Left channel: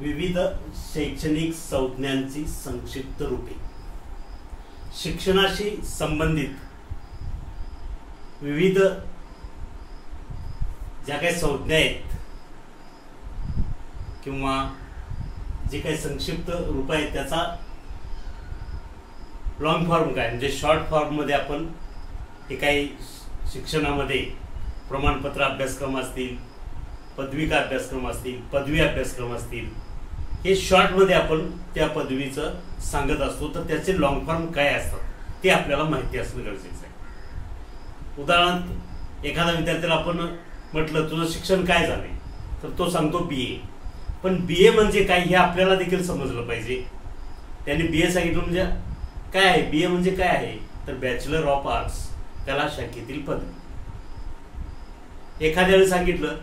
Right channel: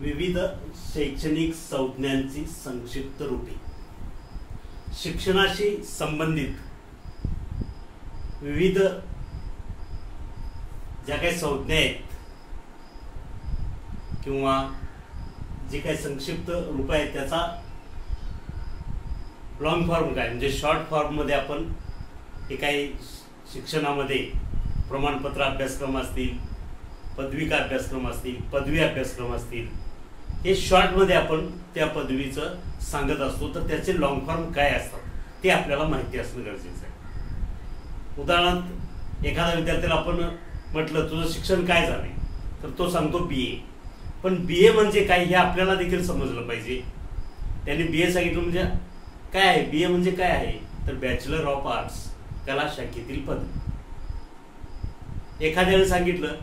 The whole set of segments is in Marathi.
विविध शैक्षणिक संज्ञांची संक्षिप्त रूपे. शिक्षणाशी संबंधित विविध ज्या काही संज्ञा आहेत किंवा जे काही संक्षिप्त रूप आहेत त्याचा लॉंग फॉर्म काय म्हणजे शॉर्ट फॉर्म मध्ये आपण हे काही शिक्षणामध्ये प्रमाणपत्र अभ्यासक्रम असतील, पदविका अभ्यासक्रम असतील, पदवी अभ्यासक्रम असतील, हे शॉर्ट मध्ये आपण त्या पदवीचं सांगत असतो. तर त्याचे लॉंग फॉर्म काय असतात ते आपल्याला माहिती असणं गरजेचं आहे. उदाहरणार्थ एखाद्या विद्यार्थ्याला आपण म्हटलं तुझं शिक्षण काय झालंय तर तो सांगतो BA. पण BA म्हणजे काय हे आपल्याला देखील समजलं पाहिजे. त्यांनी BA सांगितलं म्हणजे काय आहे, BA म्हणजे काय आहे तर बॅचलर ऑफ आर्ट्स, कला शाखेतील पदवी. एखाद्याने सांगितलं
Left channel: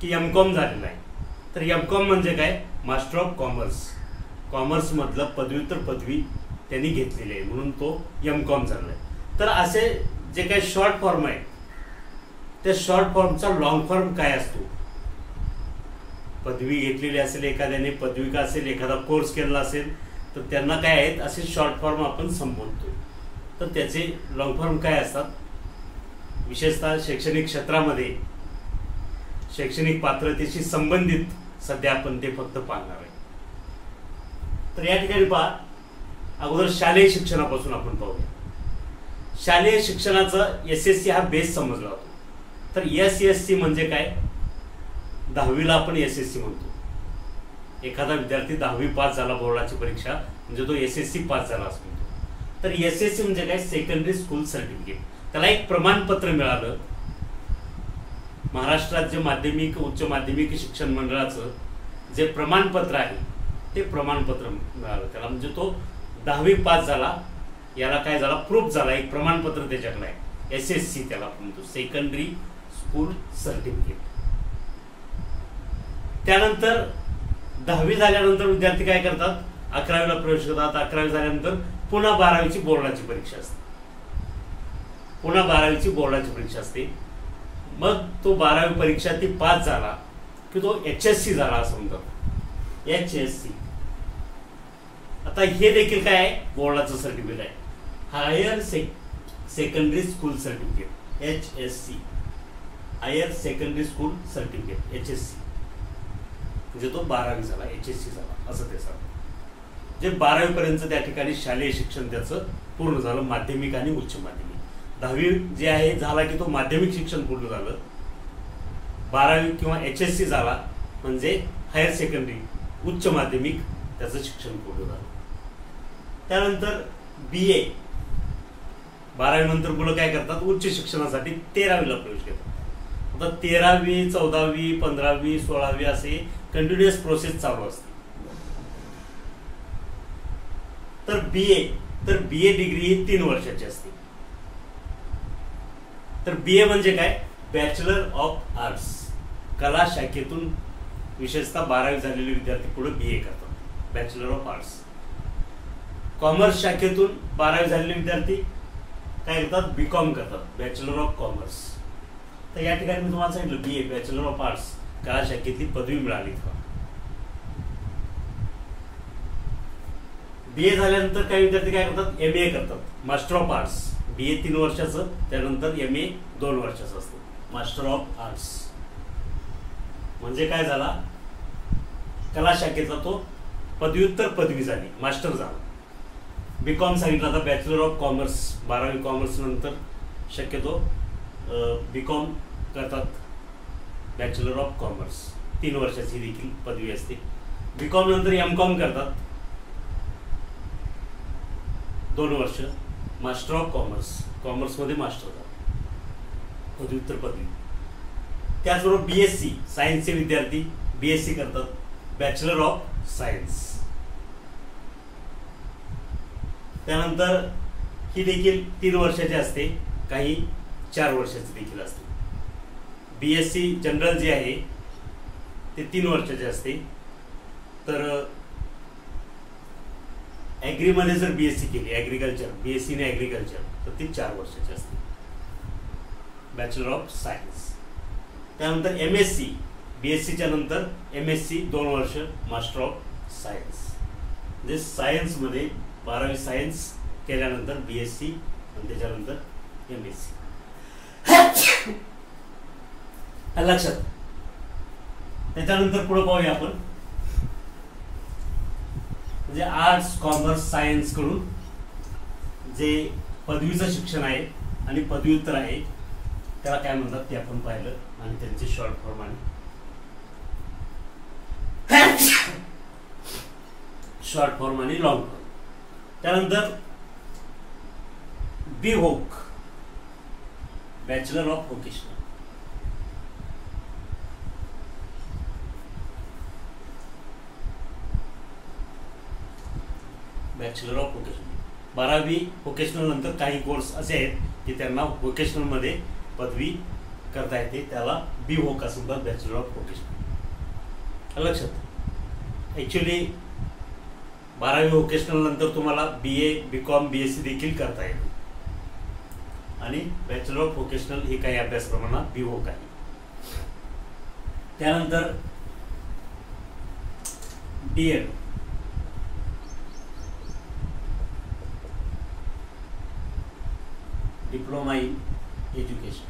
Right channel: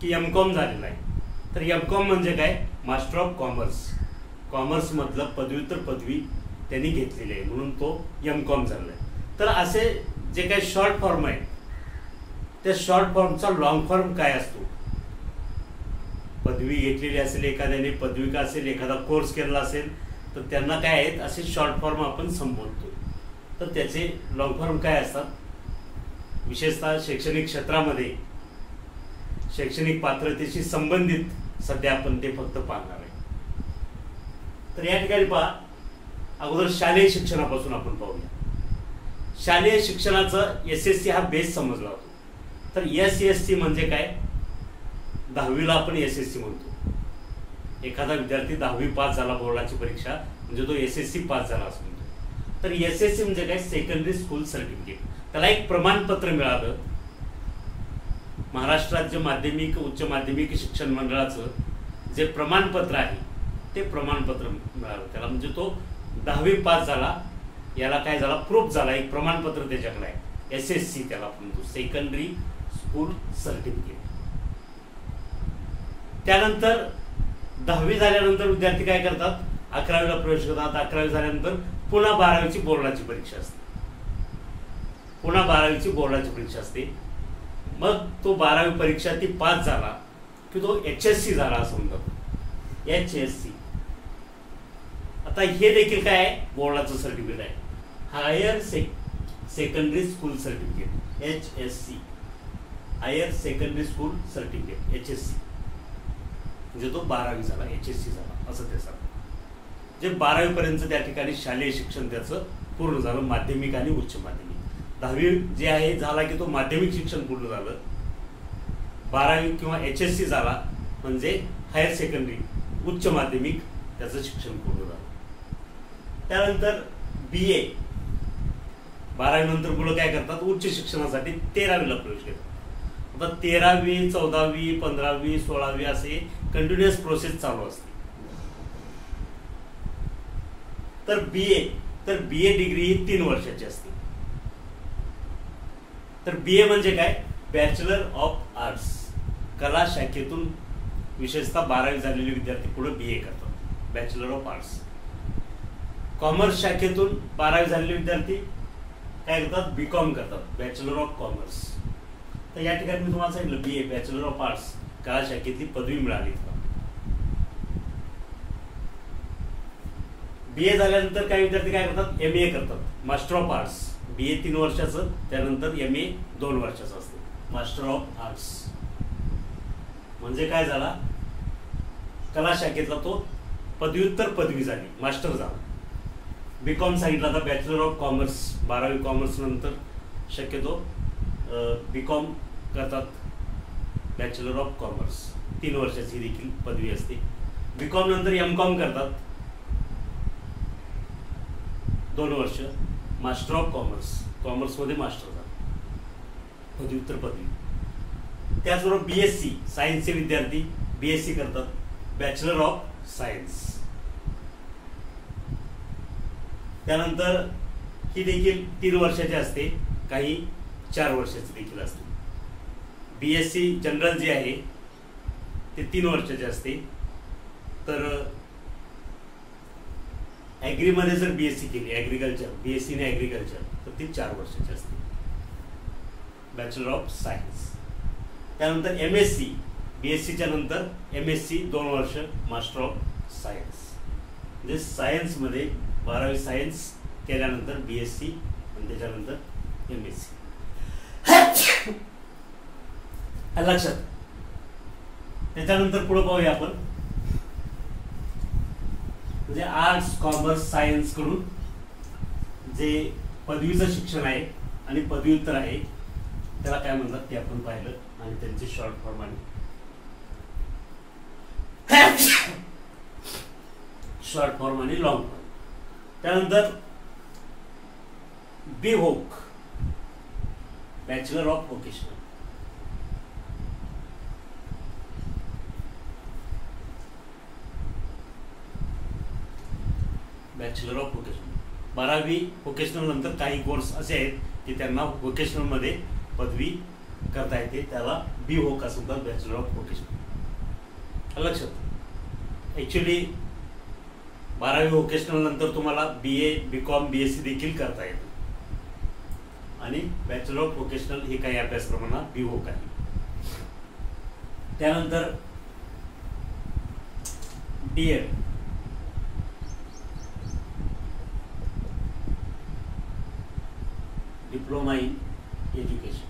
की MCOM झालेलं आहे तर MCOM म्हणजे काय, मास्टर ऑफ कॉमर्स, कॉमर्स मधलं पदव्युत्तर पदवी त्यांनी घेतलेली आहे म्हणून तो MCOM झालाय. तर असे जे काही शॉर्ट फॉर्म आहेत त्या शॉर्ट फॉर्मचा लॉंग फॉर्म काय असतो. पदवी घेतलेली असेल एखाद्याने, पदविका असेल, एखादा कोर्स केलेला असेल तर त्यांना काय आहेत असे शॉर्ट फॉर्म आपण संबोधतो. तर त्याचे लॉंग फॉर्म काय असतात. विशेषतः शैक्षणिक क्षेत्रामध्ये शैक्षणिक पात्रतेशी संबंधित सध्या आपण ते फक्त पाहणार आहे. तर या ठिकाणी पहा, अगोदर शालेय शिक्षणापासून आपण पाहूया. शालेय शिक्षणाचं SSC हा बेस समजला जातो. तर SSC म्हणजे काय, 10वीला आपण SSC म्हणतो. एखादा विद्यार्थी 10वी पास झाला बोर्डाची परीक्षा म्हणजे तो SSC पास झाला असं म्हणतो. तर SSC म्हणजे काय, सेकंडरी स्कूल सर्टिफिकेट. त्याला एक प्रमाणपत्र मिळालं. महाराष्ट्रात जे माध्यमिक उच्च माध्यमिक शिक्षण मंडळाचं जे प्रमाणपत्र आहे ते प्रमाणपत्र मिळालं त्याला. म्हणजे तो 10वी पास झाला, याला काय झाला, प्रूफ झाला, एक प्रमाणपत्र त्याच्याकडे आहे. SSC त्याला आपण म्हणतो, सेकंडरी स्कूल सर्टिफिकेट. त्यानंतर 10वी झाल्यानंतर विद्यार्थी काय करतात, 11वीला प्रवेश करतात. 11वी झाल्यानंतर पुन्हा 12वीची बोर्डाची परीक्षा असते. पुन्हा 12वीची बोर्डाची परीक्षा असते. मग तो 12वी परीक्षा ती पास झाला की तो HSC झाला असं म्हणतात, HSC. आता हे देखील काय आहे, बोर्डाचं सर्टिफिकेट आहे, higher secondary school certificate, HSC, higher secondary school certificate, HSC. म्हणजे तो 12वी झाला, HSC झाला असं ते सांगतात. जे 12वी पर्यंत त्या ठिकाणी शालेय शिक्षण त्याचं पूर्ण झालं, माध्यमिक आणि उच्च माध्यमिक. 10वी जे आहे झाला की तो माध्यमिक शिक्षण पूर्ण झालं. 12वी किंवा HSC झाला म्हणजे हायर सेकंडरी उच्च माध्यमिक त्याचं शिक्षण पूर्ण झालं. त्यानंतर BA, 12वी नंतर मुलं काय करतात, उच्च शिक्षणासाठी 13वीला प्रवेश घेतात. आता 13वी 14वी 15वी 16वी असे कंटिन्युअस प्रोसेस चालू असते. तर BA डिग्री ही 3 वर्षाची असते. तर BA म्हणजे काय, बॅचलर ऑफ आर्ट्स, कला शाखेतून विशेषतः 12वी झालेले विद्यार्थी पुढे BA करतात, बॅचलर ऑफ आर्ट्स. कॉमर्स शाखेतून 12वी झालेले विद्यार्थी काय करतात, BCOM करतात, बॅचलर ऑफ कॉमर्स. तर या ठिकाणी मी तुम्हाला सांगितलं BA, बॅचलर ऑफ आर्ट्स, कला शाखेतली पदवी मिळाली. BA झाल्यानंतर काही विद्यार्थी काय करतात, MA करतात, मास्टर ऑफ आर्ट्स. BA 3 वर्षाचं, त्यानंतर MA 2 वर्षाचं असते, मास्टर ऑफ आर्ट्स. म्हणजे काय झाला, कला शाखेचा तो पदव्युत्तर पदवी झाली, मास्टर झाला. BCOM सांगितलं आता बॅचलर ऑफ कॉमर्स, 12वी कॉमर्स नंतर शक्यतो BCOM करतात, बॅचलर ऑफ कॉमर्स, 3 वर्षाची देखील पदवी असते. BCOM नंतर MCOM करतात 2 वर्ष, मास्टर ऑफ कॉमर्स, कॉमर्स मध्ये मास्टर झाला, पदव्युत्तर पदवी. त्याचबरोबर BSc, सायन्सचे विद्यार्थी BSc करतात, बॅचलर ऑफ सायन्स. त्यानंतर ही देखील 3 वर्षाची असते, काही 4 वर्षाची देखील असते. BSc जनरल जे आहे ते 3 वर्षाचे असते. तर ऍग्रीमध्ये जर BSc केली, ऍग्रिकल्चर, BSc ने ऍग्रिकल्चर, तर ती 4 वर्षाची असते, बॅचलर ऑफ सायन्स. त्यानंतर MSc BScच्या नंतर MSc 2 वर्ष मास्टर ऑफ सायन्स. म्हणजे सायन्समध्ये 12वी सायन्स केल्यानंतर BSc आणि त्याच्यानंतर MSc. लक्षात. त्याच्यानंतर पुढे पाहूया आपण. म्हणजे आर्ट्स कॉमर्स सायन्स कडून जे पदवीचं शिक्षण आहे आणि पदव्युत्तर आहे त्याला काय म्हणतात ते आपण पाहिलं आणि त्यांचे शॉर्ट फॉर्म आणि लॉंग फॉर्म. त्यानंतर BVoc bachelor of vocational. Bachelor of vocational 12वी व्होकेशनल नंतर काही कोर्स असे आहेत की त्यांना व्होकेशनल मध्ये पदवी करता येते, त्याला BVoc असं म्हणतात, बॅचलर ऑफ व्होकेशनल. लक्षात. ऍक्च्युली 12वी व्होकेशनल नंतर तुम्हाला BA BCom BSc देखील करता येते आणि बॅचलर ऑफ व्होकेशनल हे काही अभ्यासक्रमांना BVoc आहे. त्यानंतर DED diploma in education.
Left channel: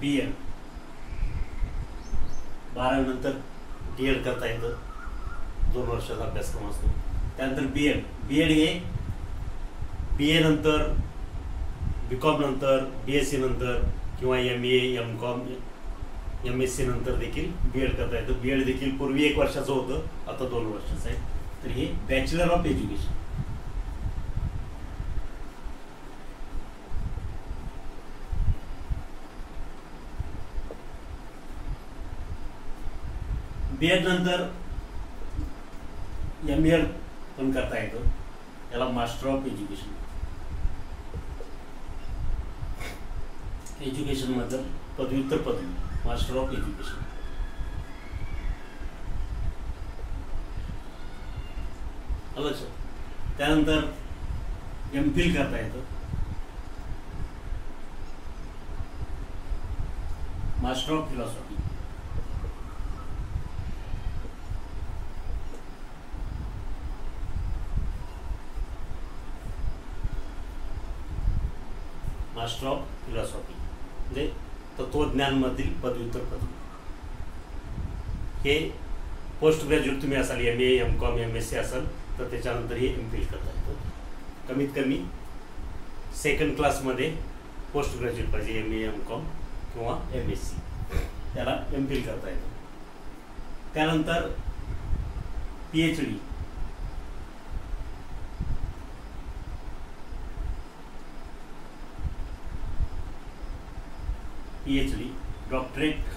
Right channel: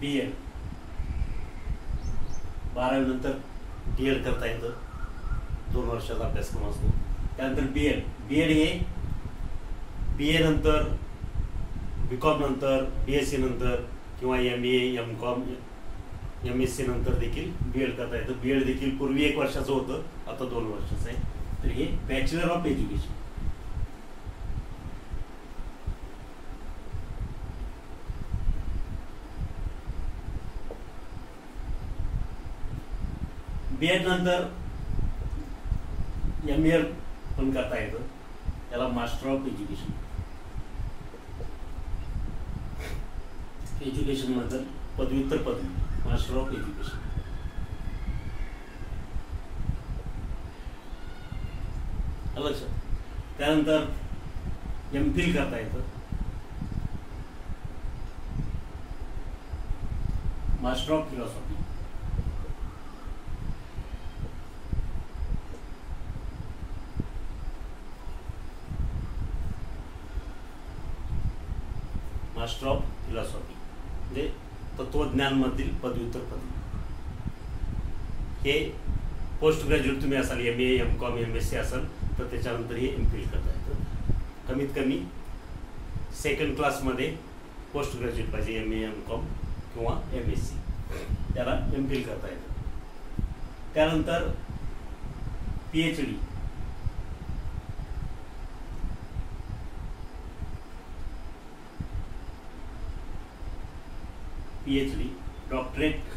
BEd 12वी नंतर DED करता येतं, 2 वर्षाचा अभ्यासक्रम असतो. त्यानंतर BEd हे BA नंतर BCom नंतर BSc नंतर किंवा MA MCom MSc नंतर देखील BEd करता येतं. BEd देखील पूर्वी 1 वर्षाचं होतं, आता 2 वर्षाचं आहे. तर हे बॅचलर ऑफ एज्युकेशन. BEd नंतर MA पण करता येतं, त्याला मास्टर ऑफ एज्युकेशन. एज्युकेशन मधलं पदव्युत्तर पदवी मास्टर ऑफ एज्युकेशन. त्यानंतर MPhil करता येतं, master of philosophy. Master of philosophy म्हणजे तत्वज्ञान मधील पदव्युत्तर पदवी. हे पोस्ट ग्रॅज्युएट तुम्ही असाल, MA MCom MSc असाल तर त्याच्यानंतर हे MPhil करता येतं. कमीत कमी 2nd क्लासमध्ये पोस्ट ग्रॅज्युएट पाहिजे, MA MCom किंवा MSc, त्याला MPhil करता येतं. त्यानंतर PhD. PhD doctorate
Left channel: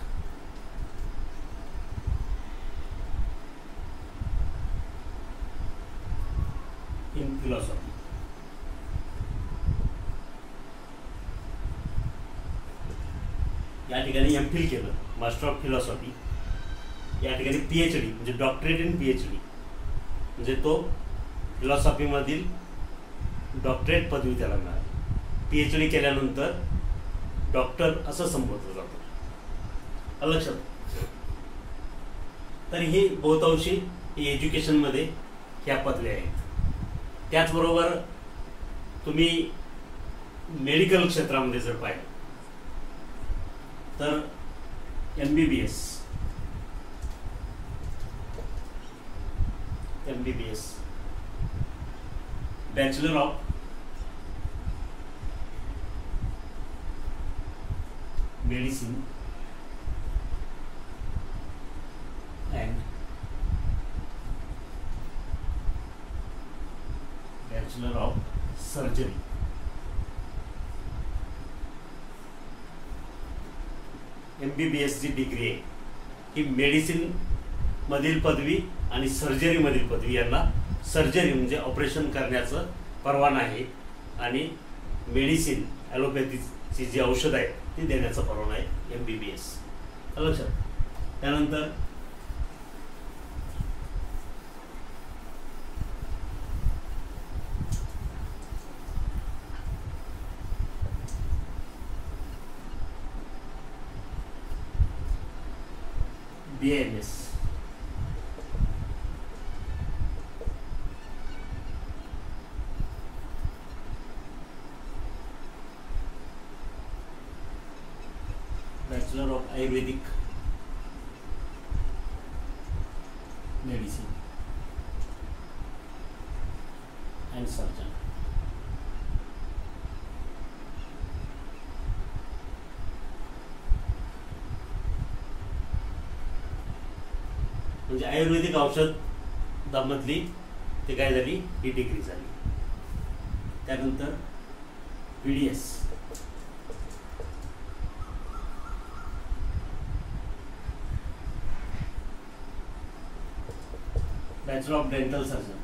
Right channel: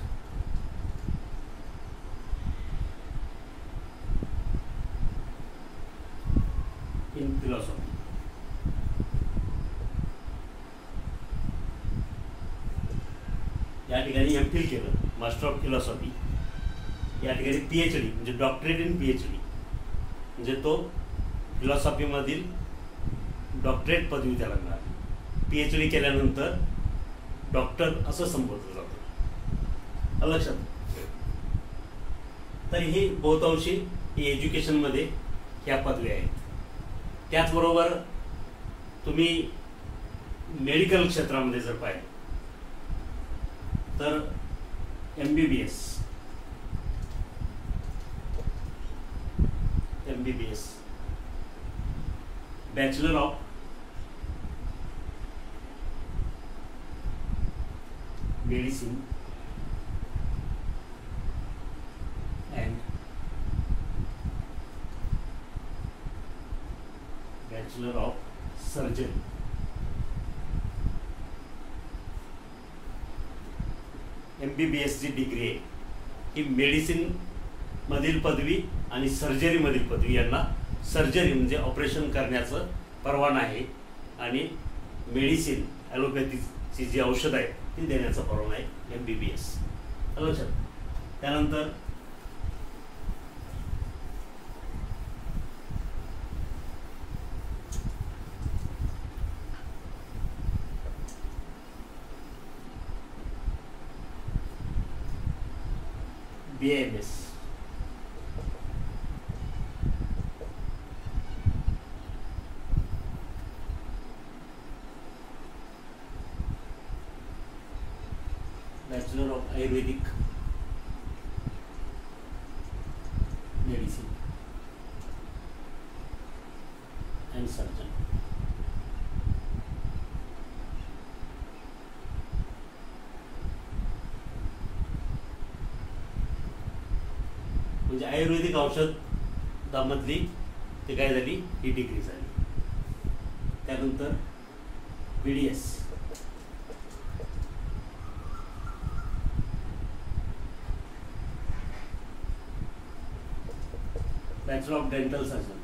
in philosophy. या ठिकाणी MPhil केलं, मास्टर ऑफ फिलॉसॉफी. या ठिकाणी PhD म्हणजे डॉक्टरेट इन PhD म्हणजे तो फिलॉसॉफी मधील डॉक्टरेट पदवी त्याला मिळाली. PhD केल्यानंतर डॉक्टर असं संबोधलं जातं. लक्षात. तर ही बहुतांशी ही एज्युकेशन मध्ये ह्या पदवी आहेत. त्याचबरोबर तुम्ही मेडिकल क्षेत्रामध्ये जर पाहिलं तर MBBS bachelor of medicine and bachelor of surgery. MBBS जी डिग्री आहे ही मेडिसिन मधील पदवी आणि सर्जरी मधील पदवी, यांना सर्जरी म्हणजे ऑपरेशन करण्याचं परवाना आहे आणि मेडिसिन ॲलोपॅथीची जी औषध आहे ती देण्याचा परवाना आहे MBBS. लक्षात. त्यानंतर BAMS. Bachelor of Ayurvedic Medicine and Surgeon. म्हणजे आयुर्वेदिक औषधामधली ते काय झाली, ही डिग्री झाली. त्यानंतर BDS, bachelor of dental surgeon.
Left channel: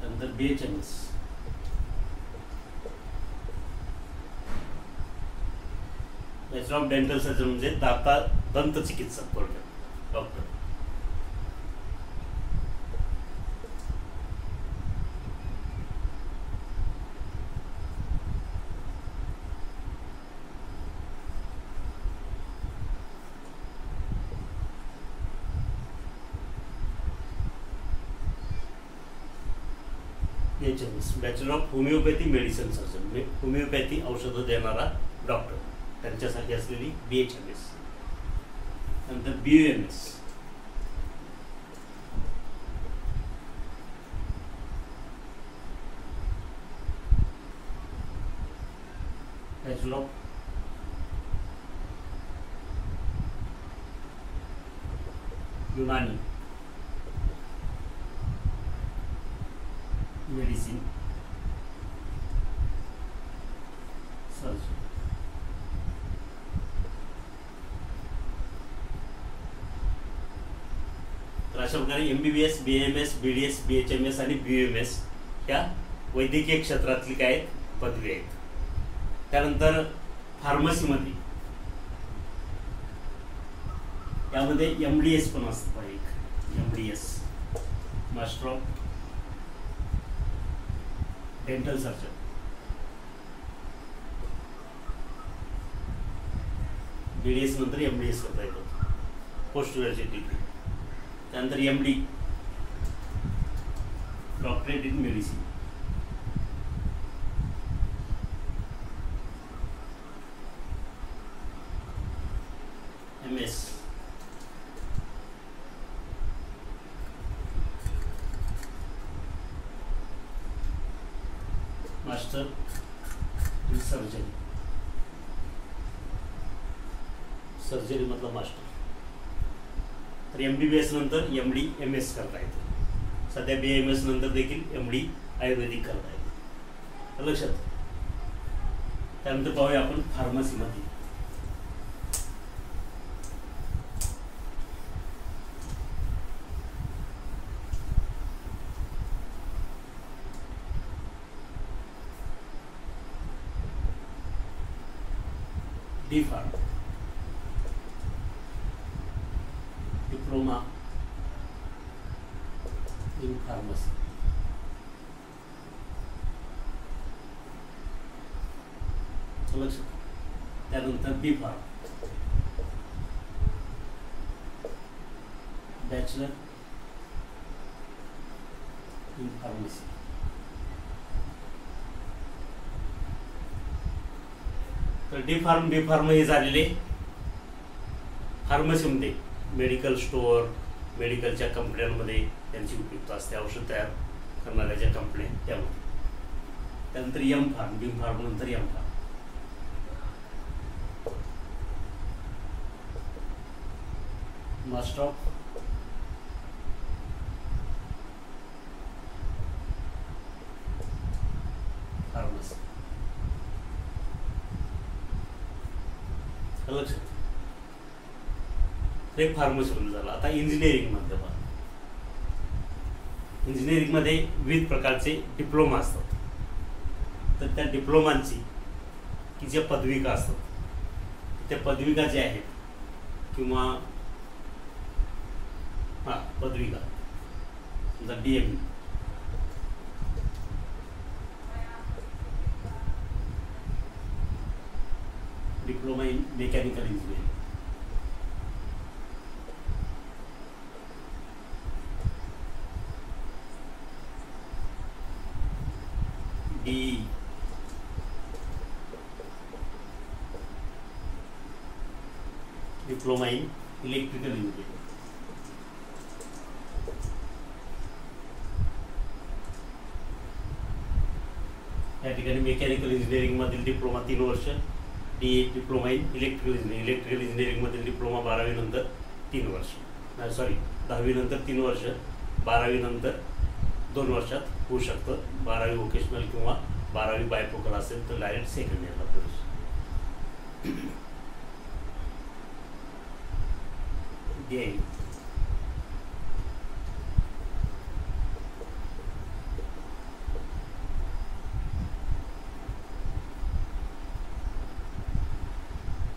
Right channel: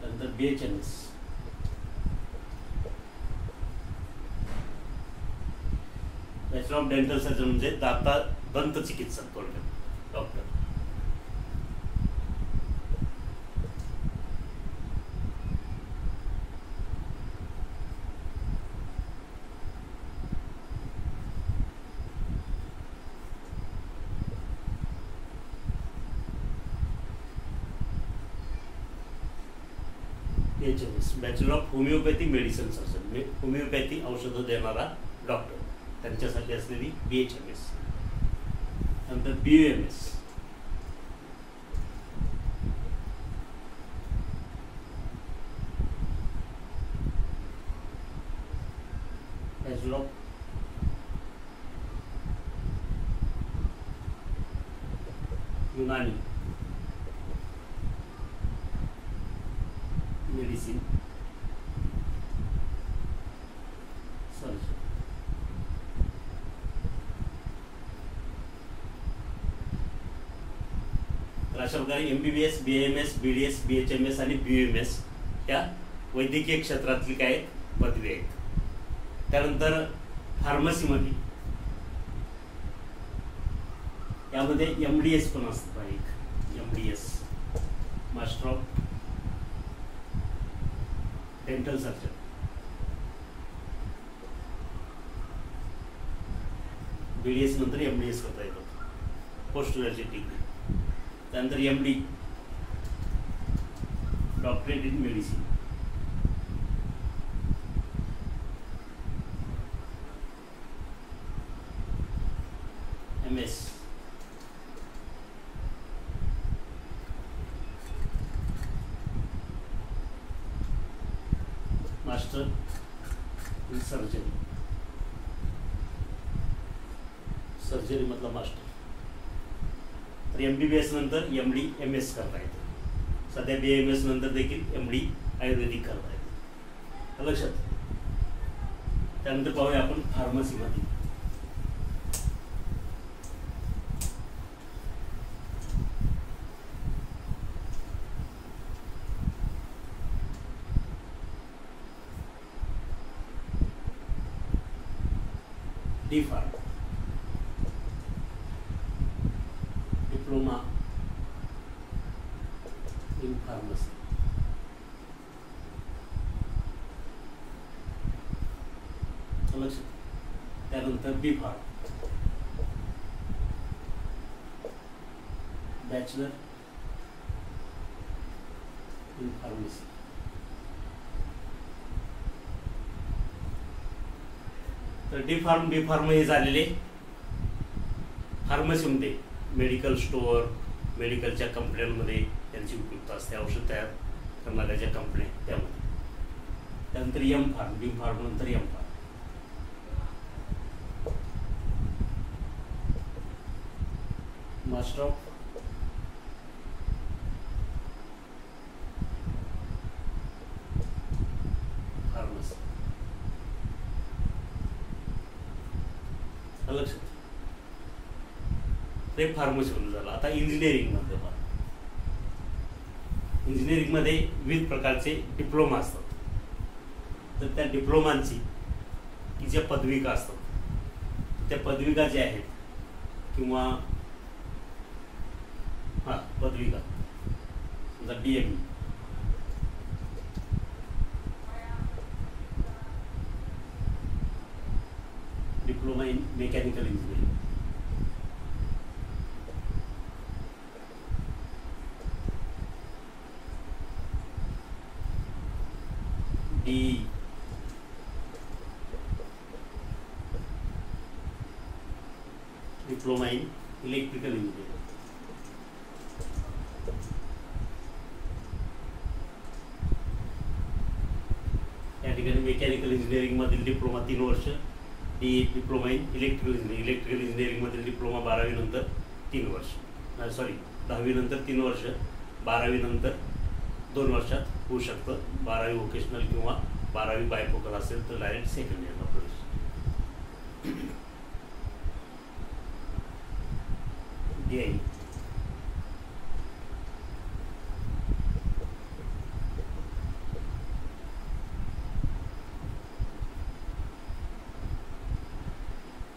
त्यानंतर BHMS, bachelor of dental surgeon म्हणजे दंत चिकित्सक थोडक्यात doctor. BHMS, bachelor of homeopathy medicine surgeon, homeopathy औषधं देणारा डॉक्टर, त्यांच्यासाठी असलेली BHMS. नंतर BUMS, bachelor of Unani medicine surgeon. तर अशा प्रकारे MBBS, BAMS, BDS, BHMS आणि BUMS या वैद्यकीय क्षेत्रातली काय पदवी आहेत. त्यानंतर फार्मसीमध्ये यामध्ये MDS पण असतं. एक MDS, master of dental surgeon. BDS नंतर MDS करता येतात, पोस्ट ग्रॅज्युएट डिग्री. त्यानंतर MD, doctorate in medicine. MS, master in surgery. Surgery मतलब मास्टर. तर MBBS नंतर MD MS करता येते. सध्या BAMS नंतर देखील MD आयुर्वेदिक करता येते. लक्षात. त्यानंतर पाहूया आपण फार्मसीमध्ये. D.Pharm, diploma in pharmacy. त्यानंतर B.Pharm, बॅचलर इन फार्मसी. तर D.Pharm, B.Pharm हे झालेले फार्मसीमध्ये मेडिकल स्टोअर, मेडिकलच्या कंपन्यांमध्ये त्यांची उपयुक्तता असते, औषध तयार करणाऱ्या ज्या कंपन्या त्यामध्ये. त्यानंतर M.Pharm, B.Pharm नंतर M.Pharm. Master of pharmacy. ते फार्मसी झालं. आता इंजिनिअरिंग मध्ये बघा, इंजिनिअरिंग मध्ये विविध प्रकारचे डिप्लोमा असतात. तर त्या डिप्लोमांची की ज्या पदविका असतात, त्या पदविका ज्या आहेत किंवा पदविका समजा DME, diploma in mechanical engineering. D diploma in electrical engineering. या ठिकाणी मेकॅनिकल इंजिनिअरिंग मधील डिप्लोमा 3 वर्ष. D diploma in electrical engineering. Electrical engineering मधील डिप्लोमा 12वी नंतर 3 वर्ष. सॉरी 10वी नंतर 3 वर्ष, 12वी नंतर 2 वर्षात होऊ शकतं. 12वी वोकेशनल किंवा 12वी बायफोकल असेल तर डायरेक्ट सेकंड इयरला प्रवेश. D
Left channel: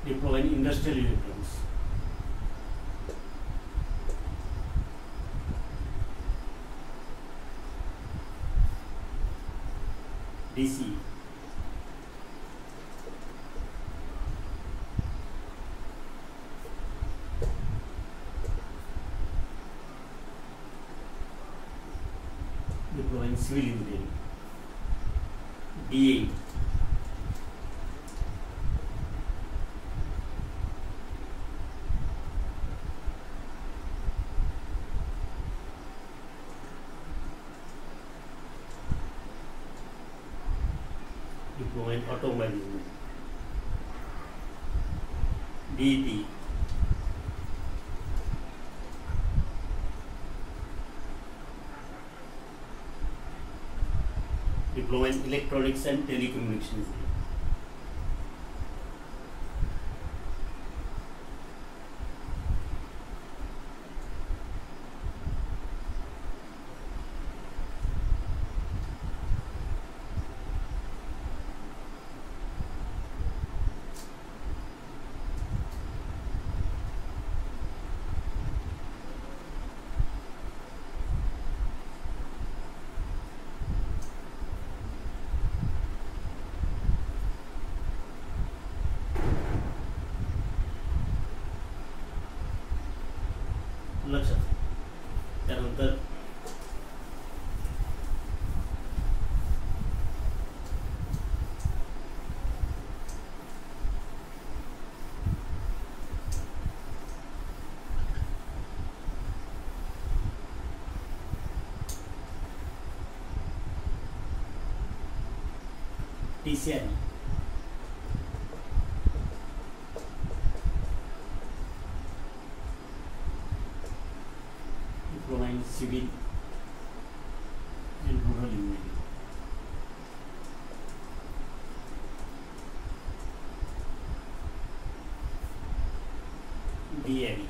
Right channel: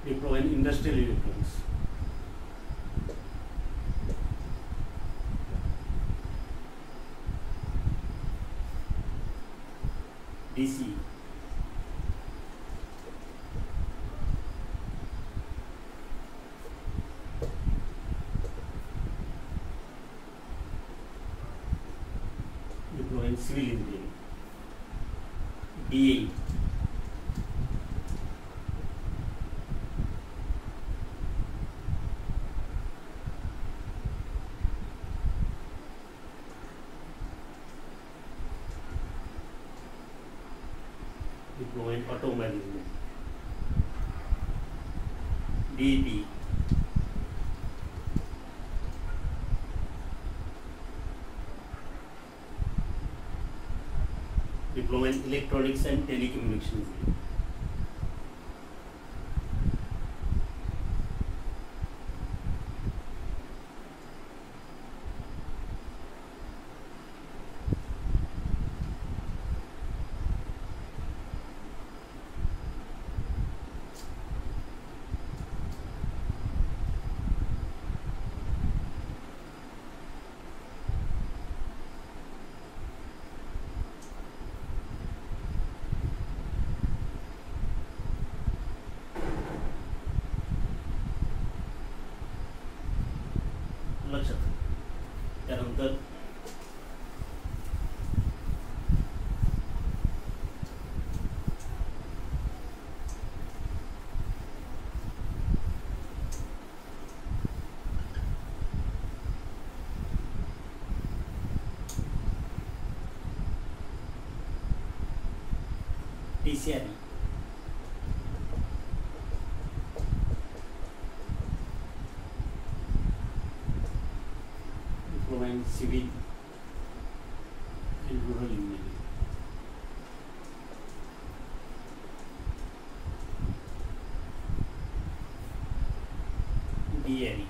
diploma in industrial electronics. DC diploma in civil engineering. DA diploma in automobile engineering. DEP diploma in electronics and telecommunication engineering. लक्षात. त्यानंतर TCR diploma in civil and rural engineering. DAV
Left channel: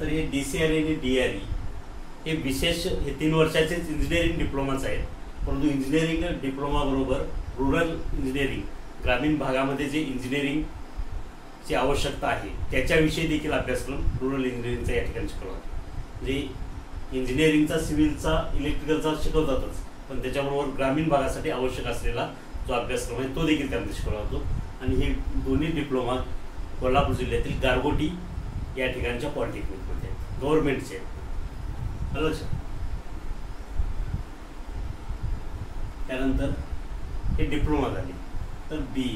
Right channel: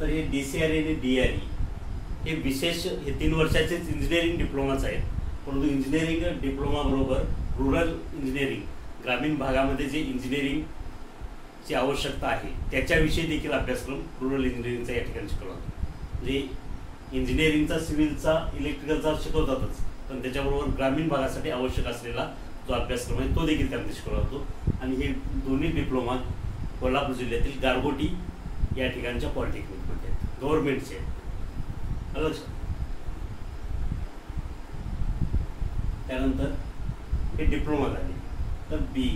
तर हे डीसीआर आणि डीआरई हे विशेष हे 3 वर्षाचेच इंजिनिअरिंग डिप्लोमाच आहेत. परंतु इंजिनिअरिंग डिप्लोमा बरोबर रूरल इंजिनिअरिंग ग्रामीण भागामध्ये जे इंजिनिअरिंगची आवश्यकता आहे त्याच्याविषयी देखील अभ्यासक्रम रूरल इंजिनिअरिंगचा या ठिकाणी शिकवला. म्हणजे इंजिनिअरिंगचा, सिव्हिलचा, इलेक्ट्रिकलचा शिकवतातच, पण त्याच्याबरोबर ग्रामीण भागासाठी आवश्यक असलेला जो अभ्यासक्रम आहे तो देखील त्यामध्ये शिकवला जातो. आणि हे दोन्ही डिप्लोमा कोल्हापूर जिल्ह्यातील गारगोटी या ठिकाणच्या पॉलिटेक्निकमध्ये गव्हर्नमेंटचे. त्यानंतर हे डिप्लोमा झाले. तर बी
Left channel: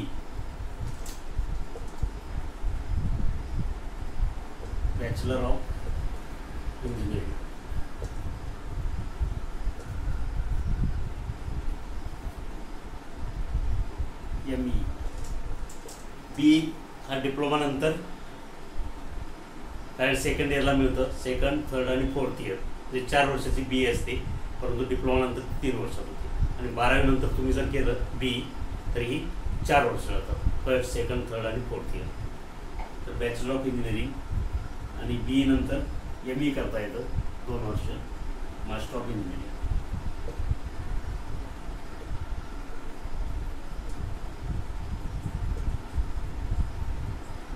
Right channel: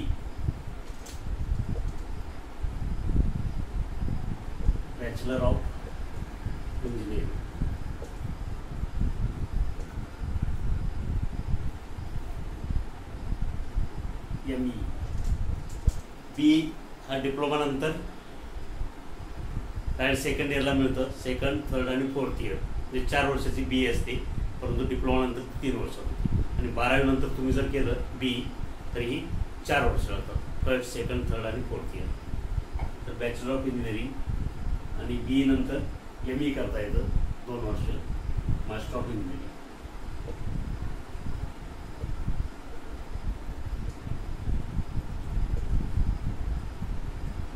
बॅचलर ऑफ इंजिनिअरिंग. ME बी हा डिप्लोमा नंतर डायरेक्ट सेकंड इयरला मिळतं. सेकंड, थर्ड आणि फोर्थ इयर म्हणजे 4 वर्षाची बी असते, परंतु डिप्लोमा नंतर 3 वर्ष होती. आणि 12वी नंतर तुम्ही जर केलं बी तर ही 4 वर्ष राहतात. फर्स्ट, सेकंड, थर्ड आणि फोर्थ इयर. तर बॅचलर ऑफ इंजिनिअरिंग आणि बी नंतर ME करता येतं 2 वर्ष. Master of engineering.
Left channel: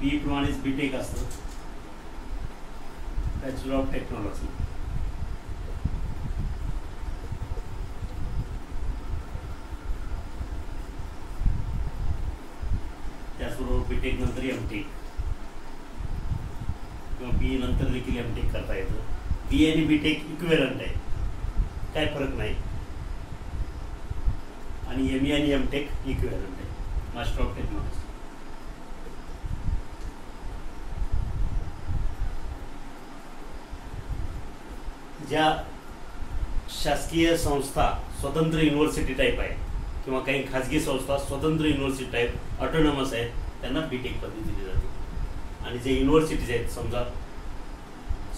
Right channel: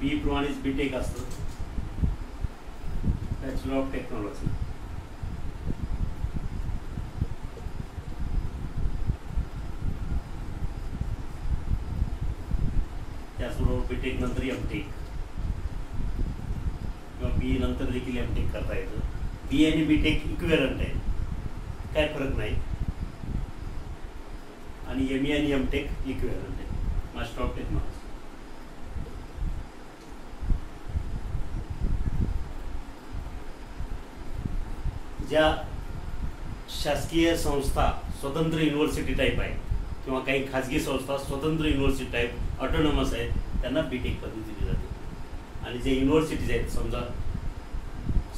बी प्रमाणेच बीटेक असतं, बॅचलर ऑफ टेक्नॉलॉजी. त्याचबरोबर बीटेक नंतर एमटेक किंवा बी नंतर देखील एमटेक करता येतं. बी आणि बीटेक इक्विव्हॅलंट आहे, काय फरक नाही. आणि एमई आणि एमटेक इक्विव्हॅलंट आहे, मास्टर ऑफ टेक्नॉलॉजी. ज्या शासकीय संस्था स्वतंत्र युनिव्हर्सिटी टाईप आहे किंवा काही खाजगी संस्था स्वतंत्र युनिव्हर्सिटी टाईप ऑटोनॉमस आहेत, त्यांना बीटेक पदवी दिली जाते. आणि जे युनिव्हर्सिटीज आहेत, समजा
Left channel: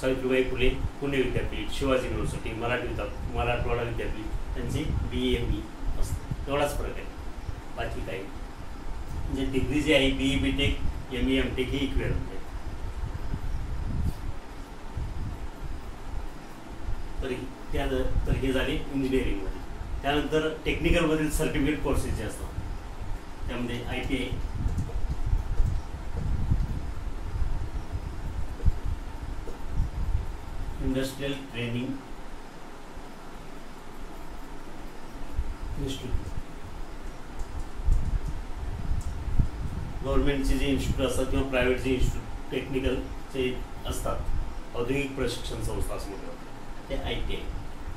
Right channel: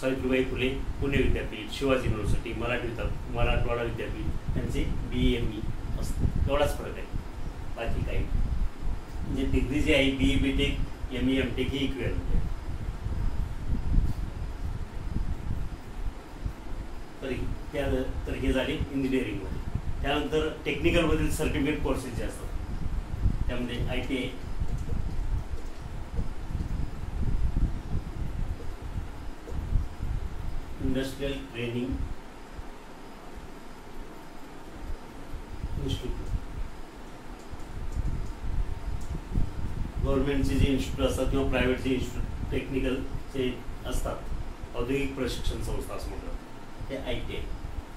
सावित्रीबाई फुले पुणे विद्यापीठ, शिवाजी युनिव्हर्सिटी, मराठवाडा विद्यापीठ, त्यांचे BE-ME असतं, एवढाच फरक आहे, बाकी काही. म्हणजे डिग्री जी आहे BE बीटेक ME MTech हे इक्विव्हॅलंट आहे. तर हे झाले इंजिनिअरिंगमध्ये. त्यानंतर टेक्निकलमधील सर्टिफिकेट कोर्सेस जे असतात त्यामध्ये ITI, इंडस्ट्रियल ट्रेनिंग इन्स्टिट्यूट, गव्हर्नमेंटचे जे इन्स्टिट्यूट असतात किंवा प्रायव्हेट जे इन्स्टिट्यूट टेक्निकलचे असतात, औद्योगिक प्रशिक्षण संस्था असं म्हणतात, ते ITI.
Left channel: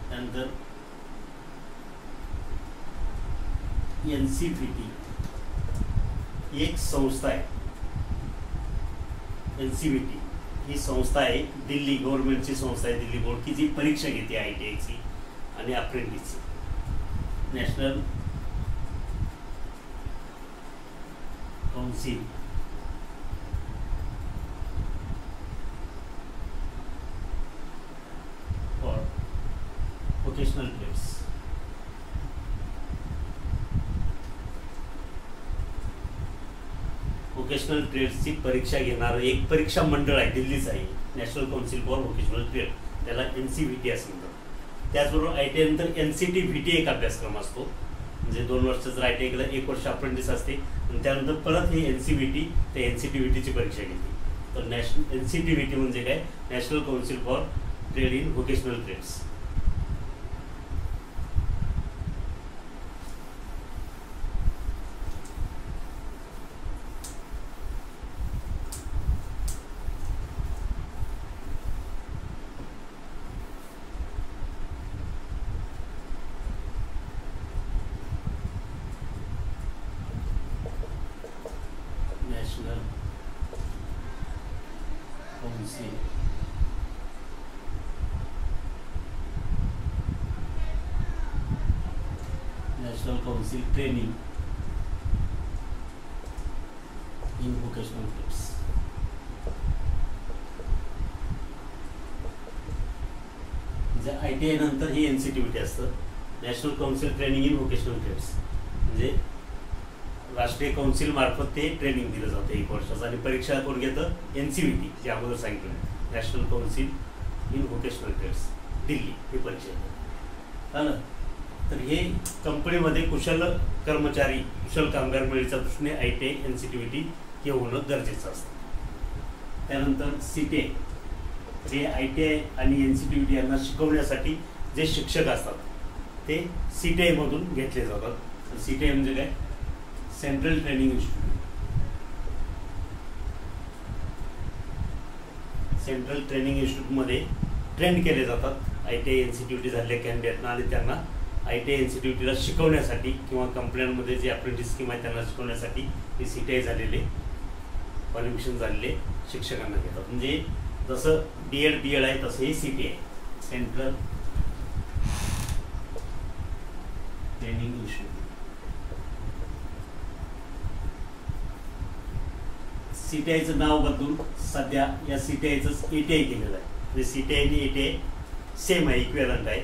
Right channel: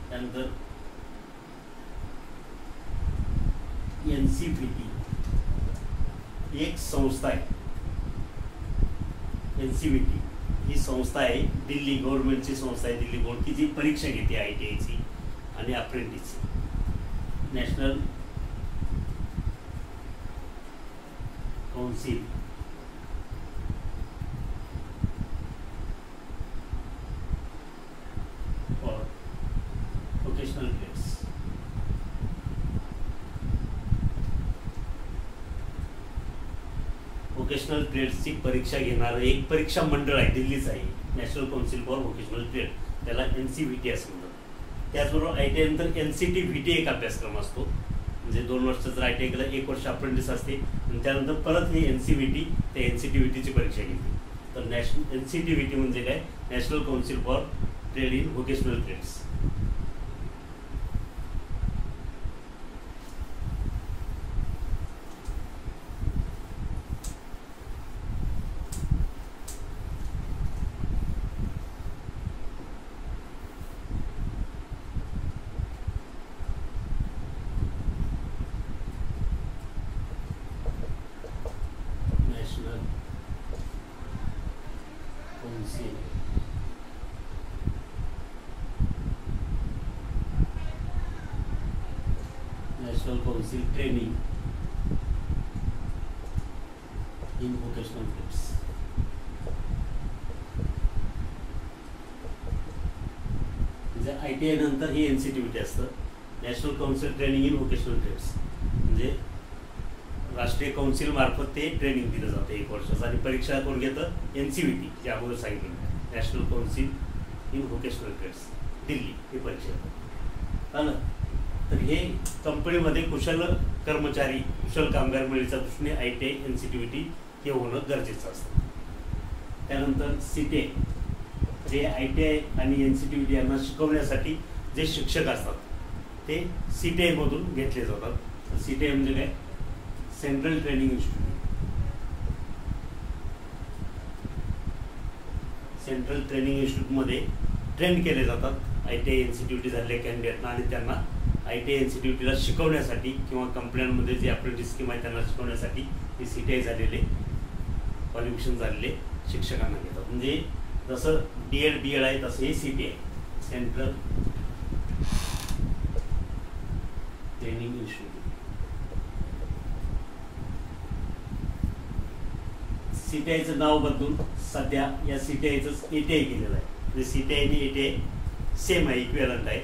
त्यानंतर NCVT ही एक संस्था आहे. NCVT ही संस्था आहे, दिल्ली गव्हर्नमेंटची संस्था आहे, दिल्ली बोर्ड, की जी परीक्षा घेते ITIची आणि अप्रेंटिसची. National council for vocational trades. Vocational ट्रेड्सची परीक्षा घेणारं एक परीक्षा मंडळ आहे, दिल्लीच आहे, national council for vocational trade, त्याला NCVT असं म्हणतात. त्याचबरोबर ITI नंतर NCTVT एक अभ्यासक्रम असतो, म्हणजे 2 वर्षाचं ITI केलं, 1 वर्ष अप्रेंटिस असते, आणि त्यानंतर परत हे NCVT ते NCTVTची परीक्षा घेते. तर NCTVT म्हणजे काय, national council for trade in vocational trades. National council training in vocational trades. म्हणजे ITI नंतर ही NCTVT असतं, national council training in vocational trades. म्हणजे राष्ट्रीय काउन्सिल मार्फत ते ट्रेनिंग दिलं जातं 1 वर्षाचं, आणि परीक्षा कोण घेतं, NCVT, जे अगोदर सांगितलं, national council in vocational trades, Delhi, ही परीक्षा येतं. तर हे कंपनीमध्ये कुशल कर्मचारी, कुशल कामगार मिळण्याच्या दृष्टीने ITI NCTVT हे होणं गरजेचं असतं. त्यानंतर CTI, जे ITI आणि NCTVT यांना शिकवण्यासाठी जे शिक्षक असतात ते CTI मधून घेतले जातात. CTI म्हणजे काय, central training institute. Central training इन्स्टिट्यूटमध्ये ट्रेन केले जातात ITI NCTVT झालेल्या कॅन्डिडेटना, आणि त्यांना ITI NCTVTला शिकवण्यासाठी किंवा कंपन्यांमध्ये जे अप्रेंटिस स्कीम आहे त्यांना शिकवण्यासाठी हे CTI झालेले, क्वालिफिकेशन झालेले शिक्षकांना घेतात. म्हणजे जसं DED आहे तसं हे CTI, सेंट्रल ट्रेनिंग इन्स्टिट्यूट. CTIचं नाव बदलून सध्या या CTIचंच ATI केलेलं आहे. म्हणजे CTI आणि ATI सेम आहे, इक्विव्हॅलंट आहे.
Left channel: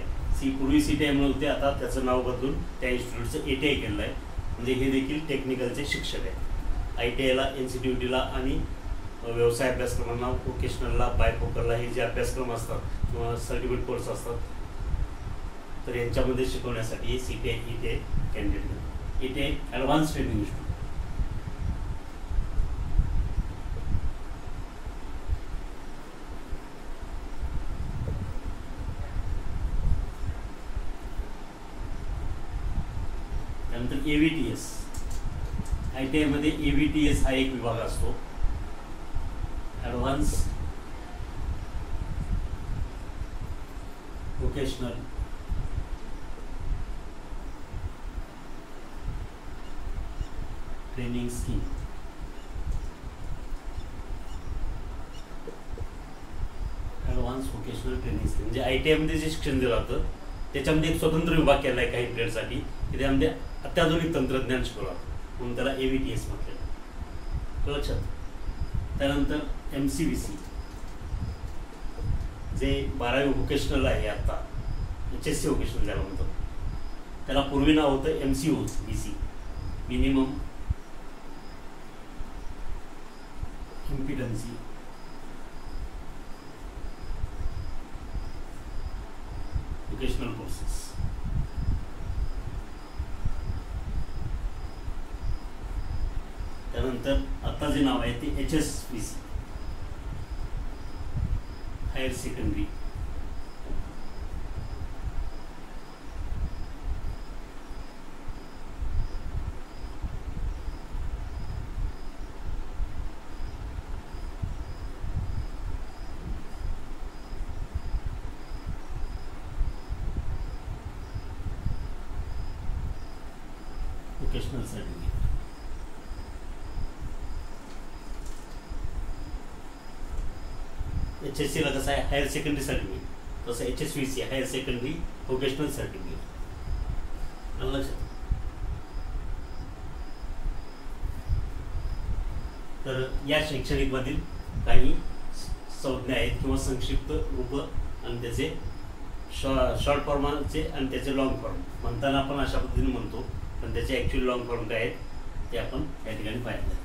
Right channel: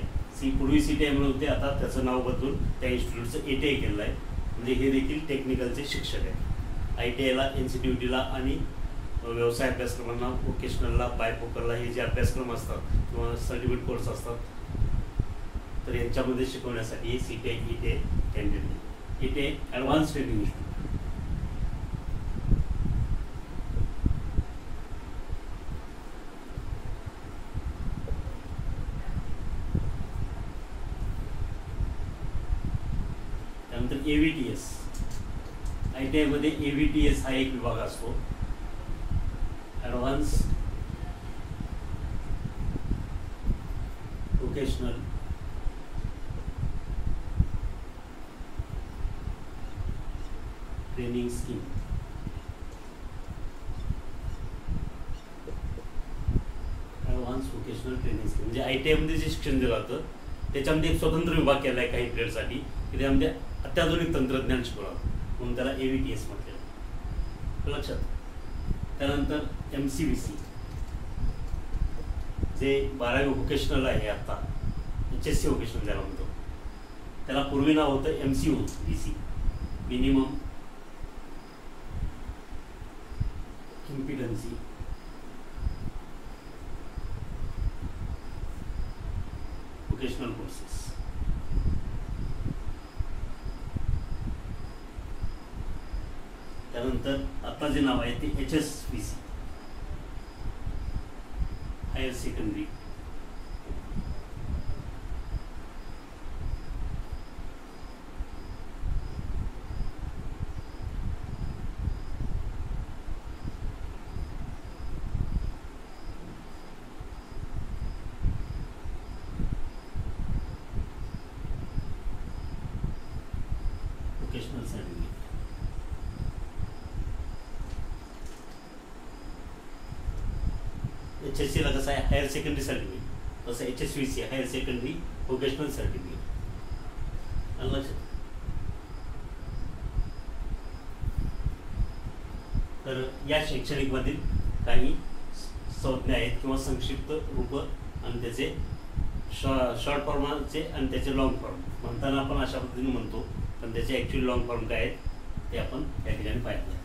पूर्वी CTI म्हणून होते, आता त्याचं नाव बदलून त्या इन्स्टिट्यूटचं ATI केलेलं आहे. म्हणजे हे देखील टेक्निकलचे शिक्षक आहेत. ITIला, NCTVTला आणि व्यवसाय अभ्यासक्रमांना, व्होकेशनलला, बायफोकलला हे जे अभ्यासक्रम असतात किंवा सर्टिफिकेट कोर्स असतात, तर यांच्यामध्ये शिकवण्यासाठी हे CTI ATI candidate. ATI advance training institute. त्यानंतर AVTS, ITI मध्ये AVTS हा एक विभाग असतो, advance vocational training scheme. Advance vocational training scheme म्हणजे ITI मध्ये जे शिक्षण दिलं जातं त्याच्यामध्ये एक स्वतंत्र विभाग केला आहे काही पिरियडसाठी, की त्यामध्ये अत्याधुनिक तंत्रज्ञान शिकवलं म्हणून त्याला AVTS म्हटलं, लक्षात. त्यानंतर MCVC जे 12वी व्होकेशनल आहे, आता HSC व्होकेशनल त्याला म्हणतो, त्याला पूर्वी नाव होतं MCVC, मिनिमम इम्पिडन्सी व्होकेशनल कोर्सेस. त्यानंतर आता जे नाव आहे ते HSVC, higher secondary vocational certificate. HSC ला कसं आहे हायर सेकंडरी सर्टिफिकेट, तसं HSVC higher secondary vocational certificate. लक्षात. तर या शैक्षणिक मधील काही संज्ञा आहेत किंवा संक्षिप्त रूप आणि त्याचे शॉर्ट फॉर्मचे आणि त्याचे लॉंग फॉर्म. म्हणताना आपण अशा पद्धतीने म्हणतो, पण त्याचे ऍक्च्युअली लॉंग फॉर्म काय आहेत ते आपण या ठिकाणी पाहिलं.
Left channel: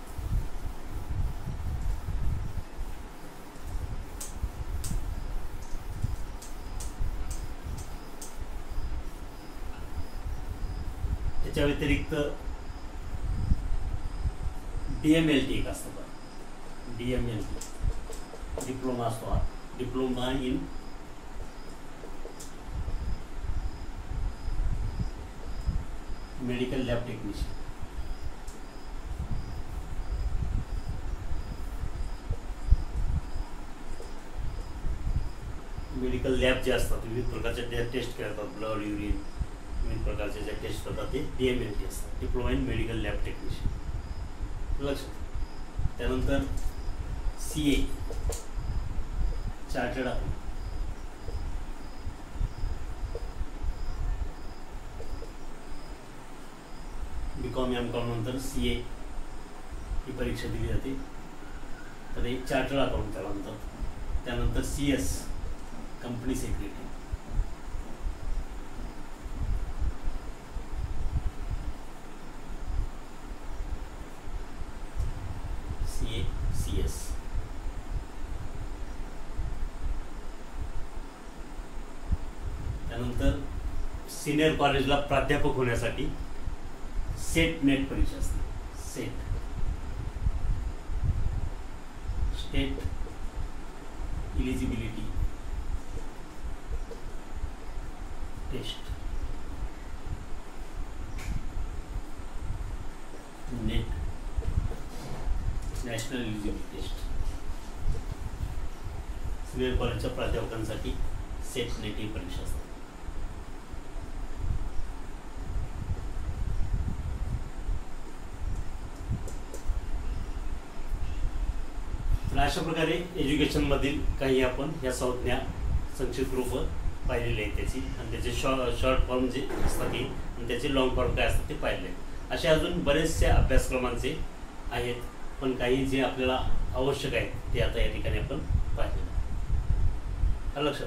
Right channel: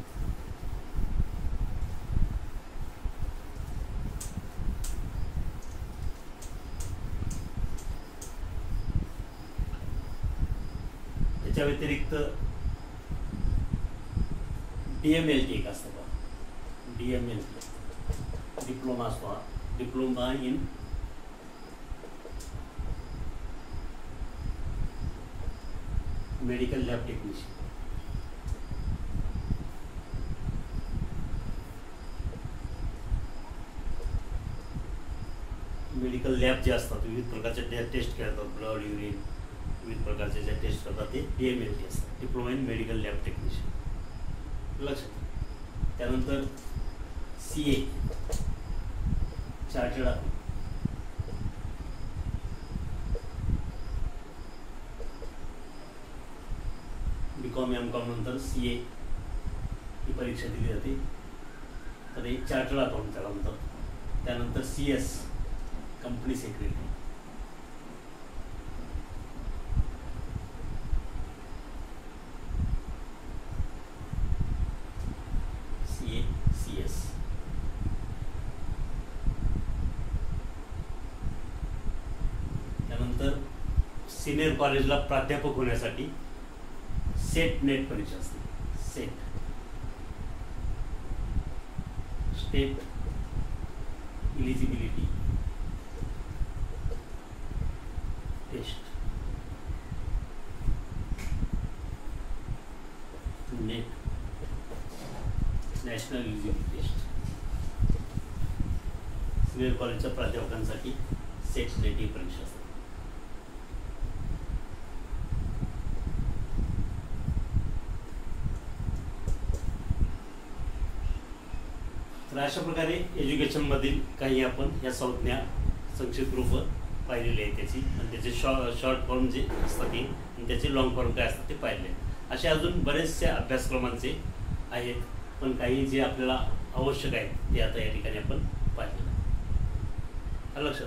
त्याच्या व्यतिरिक्त DMLT एक असतं का, DMLT डिप्लोमा असतो, हा diploma in medical lab technician. Medical lab जे असतात विविध प्रकारचे टेस्ट करतात, ब्लड, युरिन, विविध प्रकारचे जे टेस्ट करतात ते DMLT असतात, diploma in medical lab technician. लक्षात. त्यानंतर CA chartered account. BCom MCom नंतर CA ही परीक्षा दिली जाते, तर एक चार्टर्ड अकाउंट त्याला म्हणतात. त्यानंतर CS कंपनी सेक्रेटरी. CS. त्यानंतर सिनियर कॉलेजला प्राध्यापक होण्यासाठी सेट नेट परीक्षा असते, SET state eligibility test, NET national eligibility test. Senior कॉलेजच्या प्राध्यापकांसाठी सेट नेट ही परीक्षा असते. तर अशा प्रकारे एज्युकेशन मधील काही आपण या संज्ञा संक्षिप्त रूप पाहिलेली आहे त्याची, आणि त्याचे शॉर्ट फॉर्म जे असतात ते आणि त्याचे लॉंग फॉर्म काय असतात ते पाहिले. असे अजून बरेचसे अभ्यासक्रमांचे आहेत, पण काही जे आपल्याला आवश्यक आहे ते आता या ठिकाणी आपण पाहिले. लक्षात.